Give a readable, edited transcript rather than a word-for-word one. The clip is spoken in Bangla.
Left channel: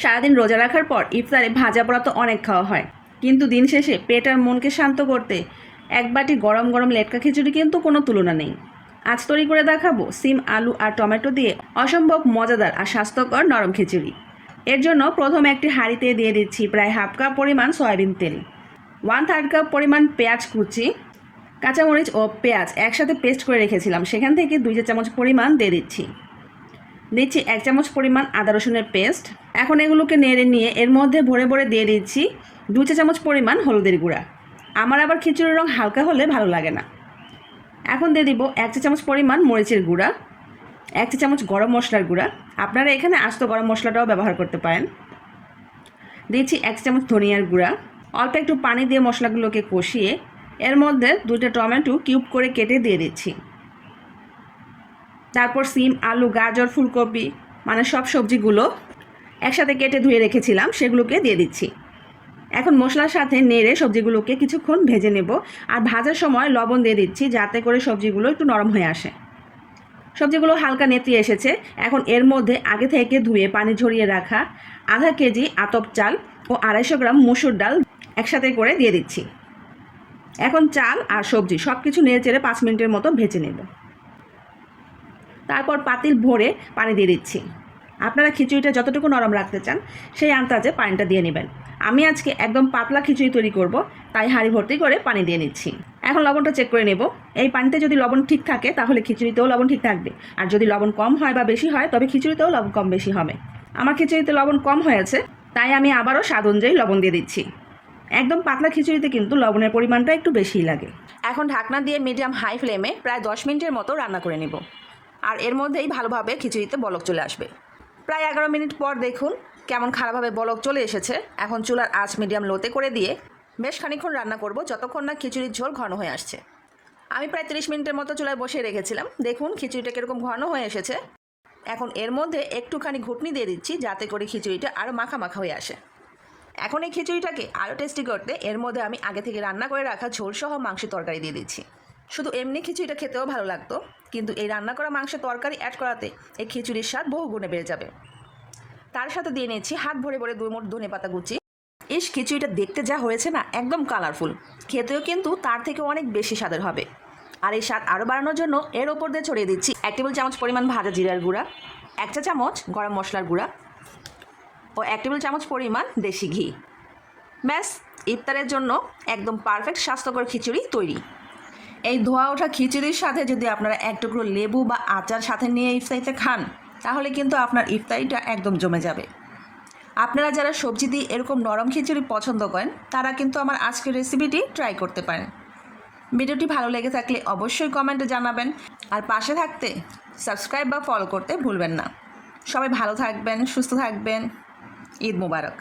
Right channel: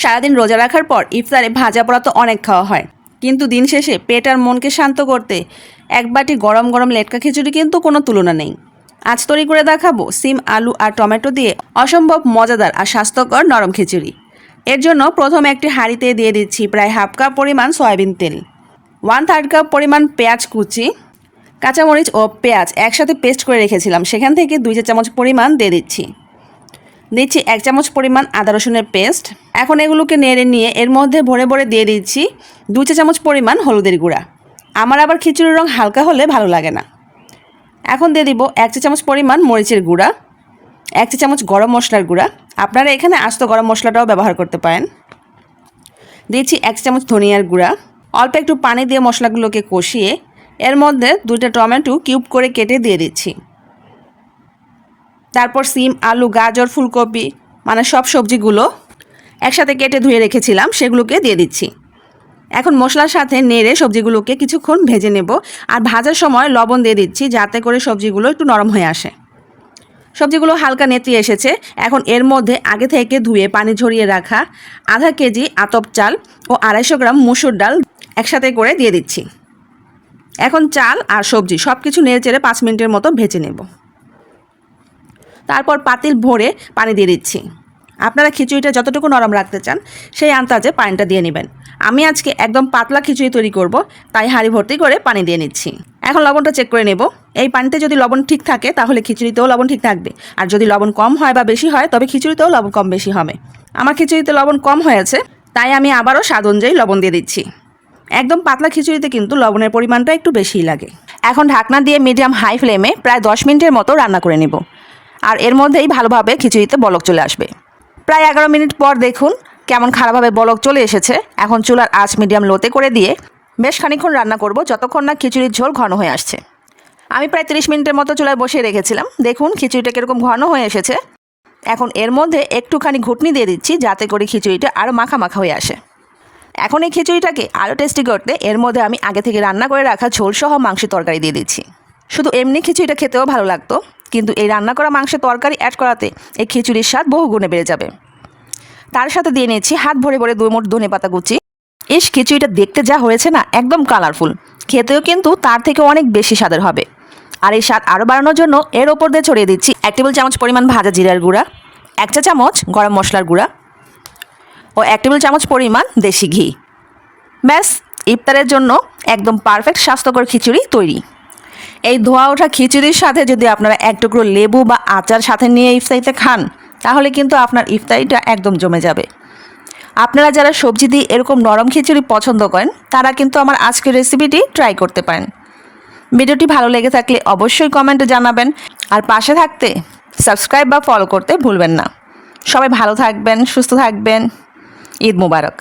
সারাদিন রোজা রাখার পর ইফতারে ভাজা পোড়া তো অনেক খাওয়া হয়, কিন্তু দিন শেষে পেট আর মনকে শান্ত করতে এক বাটি গরম গরম লেটকা খিচুড়ি কিন্তু কোনো তুলনা নেই। আজ তৈরি করে দেখাবো সিম, আলু আর টমেটো দিয়ে অসম্ভব মজাদার আর স্বাস্থ্যকর নরম খিচুড়ি। এর জন্য প্রথমে একটি হাঁড়িতে দিয়ে দিচ্ছি প্রায় হাফ কাপ পরিমাণ সয়াবিন তেল, 1/3 কাপ পরিমাণ পেঁয়াজ কুচি, কাঁচামরিচ ও পেঁয়াজ একসাথে পেস্ট করে রেখেছিলাম, সেখান থেকে 2 চা চামচ পরিমাণ দিয়ে দিচ্ছি 1 চামচ পরিমাণ আদা রসুনের পেস্ট। এখন এগুলোকে নেড়ে নিয়ে এর মধ্যে ভরে ভরে দিয়ে দিচ্ছি 2 চা চামচ পরিমাণ হলুদের গুঁড়া। আমার আবার খিচুড়ির রং হালকা হলে ভালো লাগে না। এখন দিয়ে দিব 1 চা চামচ পরিমাণ মরিচের গুঁড়া, 1 চা চামচ গরম মশলার গুঁড়া, আপনারা এখানে আস্ত গরম মশলাটাও ব্যবহার করতে পারেন। দিচ্ছি 1 চামচ ধনিয়ার গুঁড়া। অল্প একটু পানি দিয়ে মশলাগুলোকে কষিয়ে এর মধ্যে 2টা টমেটো কিউব করে কেটে দিয়ে দিচ্ছি। তারপর সিম, আলু, গাজর, ফুলকপি মানে সব সবজিগুলো একসাথে কেটে ধুয়ে রেখেছিলাম সেগুলোকে দিয়ে দিচ্ছি। এখন মশলার সাথে নেড়ে সবজিগুলোকে কিছুক্ষণ ভেজে নেব, আর ভাজার সময় লবণ দিয়ে দিচ্ছি যাতে করে সবজিগুলো একটু নরম হয়ে আসে। সবজিগুলো হালকা নেতিয়ে এসেছে। এখন এর মধ্যে আগে থেকে ধুয়ে পানি ঝরিয়ে রাখা আধা কেজি আতপ চাল ও 250 গ্রাম মুসুর ডাল একসাথে করে দিয়ে দিচ্ছি। এখন চাল আর সবজি সব কিছু নেড়ে চেড়ে 5 মিনিটের মতো ভেজে নেব। তারপর পাতিল ভরে পানি দিয়ে দিচ্ছি। আপনারা খিচুড়িটা যতটুকু নরম রাখতে চান সেই আন্দাজে পানিটা দিয়ে নেবেন। আমি আজকে একদম পাতলা খিচুড়ি তৈরি করব, তাই হাঁড়ি ভর্তি করে পানি দিয়ে নিচ্ছি। এখন লবণটা চেক করে নেব। এই পানিতে যদি লবণ ঠিক থাকে তাহলে খিচুড়িতেও লবণ ঠিক থাকবে, আর যদি লবণ কম হয় বা বেশি হয় তবে খিচুড়িতেও লবণ কম বেশি হবে। আমার খিচুড়িতে লবণ কম হয়েছে, তাই আমি আবারও স্বাদ অনুযায়ী লবণ দিয়ে দিচ্ছি। একদম পাতলা খিচুড়িতে কিন্তু লবণের পরিমাণটা একটু বেশিই লাগে। এখন ঢাকনা দিয়ে মিডিয়াম হাই ফ্লেমে প্রায় 10 মিনিটের মতো রান্না করে নেব, আর এর মধ্যেই ভালোভাবে খিচুড়িতে বলক চলে আসবে। প্রায় 11 মিনিট পর দেখুন কেমন খারাপভাবে বলক চলে এসেছে। এখন চুলার আঁচ মিডিয়াম লোতে করে দিয়ে বেশ খানিকক্ষণ রান্না করব, যতক্ষণ না খিচুড়ির ঝোল ঘন হয়ে আসছে। আমি প্রায় 30 মিনিটের মতো চুলায় বসিয়ে রেখেছিলাম। দেখুন খিচুড়িটা কীরকম ঘন হয়ে এসেছে। এখন এর মধ্যে একটুখানি ঘুটনি দিয়ে দিচ্ছি যাতে করে খিচুড়িটা আরও মাখা মাখা হয়ে আসে। এখন এই খিচুড়িটাকে আরও টেস্টি করতে এর মধ্যে আমি আগে থেকে রান্না করে রাখা ঝোলসহ মাংসের তরকারি দিয়ে দিচ্ছি। শুধু এমনি খিচুড়িটা খেতেও ভালো লাগতো, কিন্তু এই রান্না করা মাংসের তরকারি অ্যাড করাতে এই খিচুড়ির স্বাদ বহু গুণে বেড়ে যাবে। তার সাথে দিয়ে নিয়েছি হাত ভরে ভরে 2 মুঠ ধনেপাতা কুচি। খিচুড়িটা দেখতে যা হয়েছে না, একদম কালারফুল, খেতেও কিন্তু তার থেকে অনেক বেশি স্বাদের হবে। আর এই স্বাদ আরও বাড়ানোর জন্য এর ওপর দিয়ে ছড়িয়ে দিচ্ছি 1 টেবিল চামচ পরিমাণ ভাজা জিরার গুঁড়া, 1 চা চামচ গরম মশলার গুঁড়া ও 1 টেবিল চামচ পরিমাণ দেশি ঘি। ব্যাস, ইফতারের জন্য একদম পারফেক্ট স্বাস্থ্যকর খিচুড়ি তৈরি। এই ধোয়া ওঠা খিচুড়ির সাথে যদি আপনারা 1 টুকরো লেবু বা আচার সাথে নিয়ে ইফতারিতে খান তাহলে কিন্তু আপনার ইফতারিটা একদম জমে যাবে। আপনারা যারা সবজি দিয়ে এরকম নরম খিচুড়ি পছন্দ করেন তারা কিন্তু আমার আজকের রেসিপিটি ট্রাই করতে পারেন। ভিডিওটি ভালো লেগে থাকলে অবশ্যই কমেন্টে জানাবেন, আর পাশে থাকতে সাবস্ক্রাইব বা ফলো করতে ভুলবেন না। সবাই ভালো থাকবেন, সুস্থ থাকবেন। ঈদ মোবারক।